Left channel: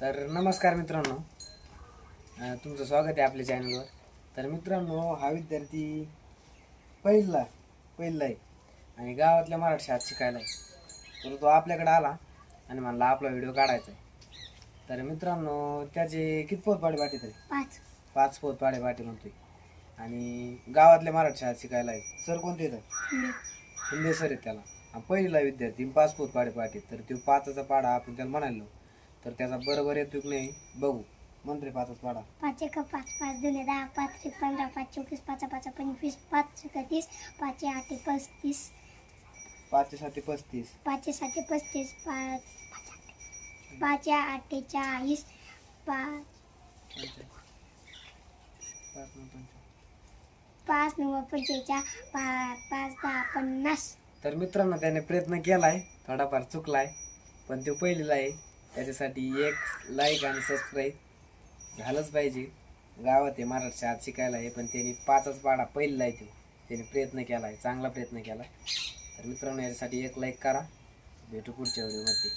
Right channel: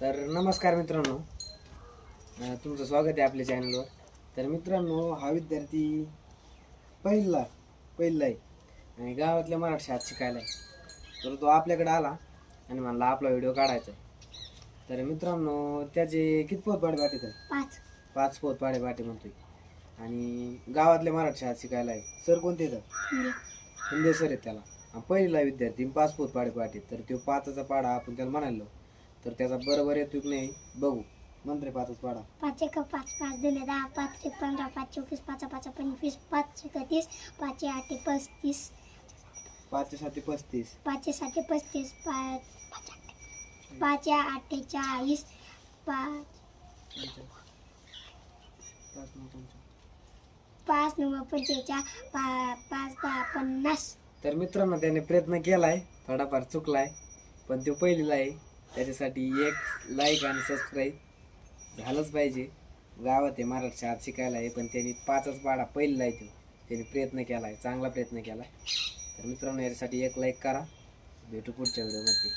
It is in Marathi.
तर नमस्कार मित्रांनो, तुमचं स्वागत आहे आपल्या चॅनलवर. तर मित्रांनो, हा विद्यार्थी पहिला आहे आणि गावातल्या मराठी शाळेत शिकायला आहे. तर तो आपल्याकडे आला आणि म्हणला आपला व्हिडिओ काढायचा आहे. तर मित्रांनो, त्याचे किती पोतपाडे पाठी तरी 5 पोतपाडे पाठी म्हणतोय आणि गावातल्या मराठी शाळेत शिकायला आहे. सर कोणते येतात? हिंदे सर आहेत त्याला. पहिला विद्यार्थी 5 पोतपाडे पाठी. तर तो 5चा पाडा आपण त्याला म्हणालो, तर त्याचा बरोबर येतो की नाही बघू. मंत्री 5चा पाडा. 5 × 5 = 5, 2 × 10, 5 × 15, 5 × 24, 5 × 5 = 25, 5 × 30, 5 × 8 = 35, 5 × 7 = 35, 5 × 7 = 35, 5 × 8 = 40, 5 × 9 = 45, 5 × 10 = 50. तर मित्रांनो, त्याने प्रयत्न केलाय, थोडाफार चुकलाय, पण तो पहिलीला आहे. त्याच्यासाठी एक लाईक आणि सबस्क्राईब झालंच पाहिजे. गावात आहे, मराठी शाळेत शिकायला आहे, पण त्यांनी 5चा पाडा पहिला आहे. त्याने प्रयत्न केलाय, चांगला प्रयत्न केलाय. तर मित्रांनो, याच्यासाठी एक लाईक करा. भेटू पुढच्या व्हिडिओमध्ये.